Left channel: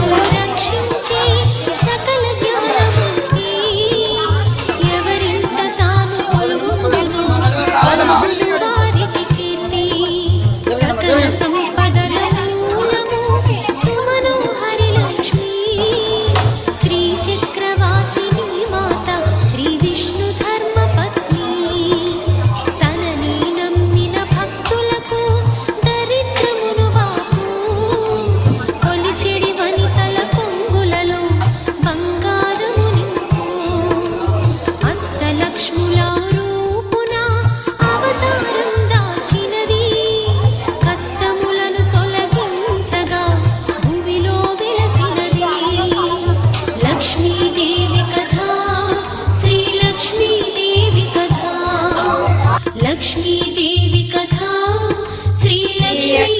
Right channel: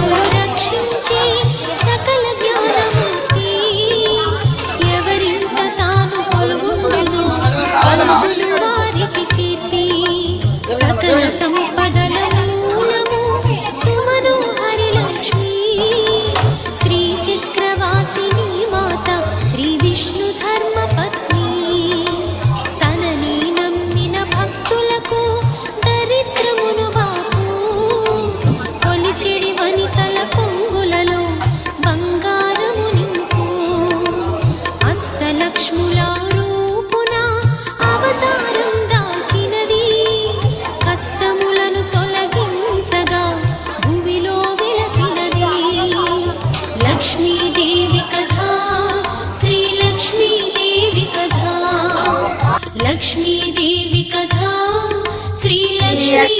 సిరులు రక్షించే సకల జ్ఞానమూర్తి ఎవరింట తాను కొలువుండును కలుగును వారికి కీర్తి సకల సంపదల మూలము సుమనోహరి లక్ష్మి శ్రీ చక్రవాసిని మాత శ్రీ విష్ణు ధర్మ పత్ని తనని నమ్మిన భక్తులకు దరిద్రమును బాపు కొలిచెడి వనితల కొంగులలో బంగారము నింపు అష్టలక్ష్ముల రూపున అవతారం దాచినది కష్టములను తొలగించగా భూమిలో వెలసినది లక్ష్మీదేవి కథ శ్రీ లక్ష్మీదేవి కథ లక్ష్మీదేవి కథ శ్రీ లక్ష్మీ